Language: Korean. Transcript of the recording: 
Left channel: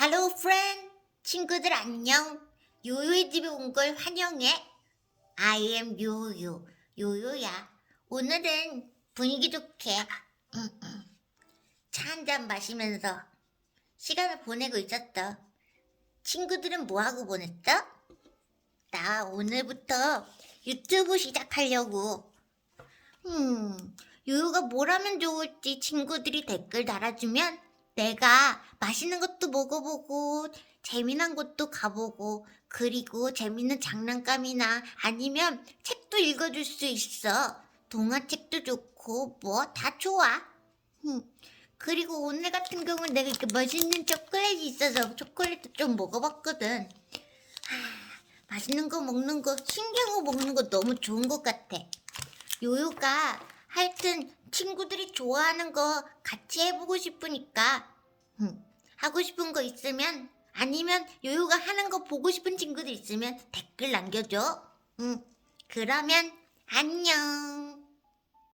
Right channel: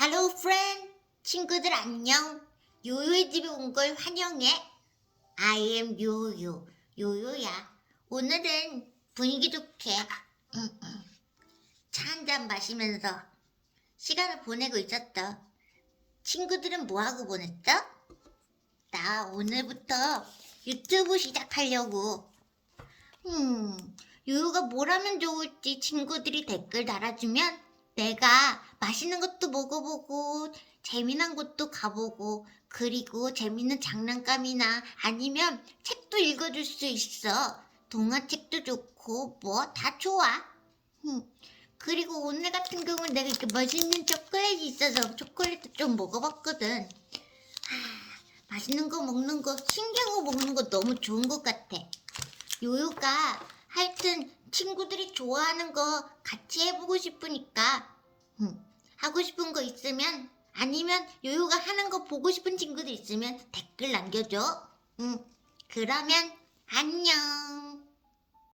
Hello friend. 친구들 안녕. 요요의 집에 온 걸 환영해. I am 요요. 요요야. 오늘은 분위기 좋게 차한 잔 마시면서 시간을 보내고 있었어. 친구들은 뭐하고 보냈어? 나 오늘부터 유튜브 시작하려고. 음 요요가 뭘 하면 좋을지 친구들이 댓글 달아주면 내가 맛있는 것도 먹어보고 재미난 곳도 가보고 그리고 재밌는 장난감이나 아니면 책도 읽어줄 수 있어. 동화책도 좋고 뭐 다 좋아. 음, 그리고 오늘 같은 경우는 내가 이렇게 맛있는 초콜릿이 있어서 초콜릿도 좀 먹어봤거든. 하, 맛있는 거 먹는 거 신기한 거 먹는 거 너무 좋은 것 같아. 요요가 하여튼 친구들이 좋아하는 거 같이 해보고 싶으니까 음, 하고 싶은 거 있으면 아니면 요요가 하는 거 보고 싶은 친구들 있으면 댓글 남겨줘. 응, 그러면 안녕.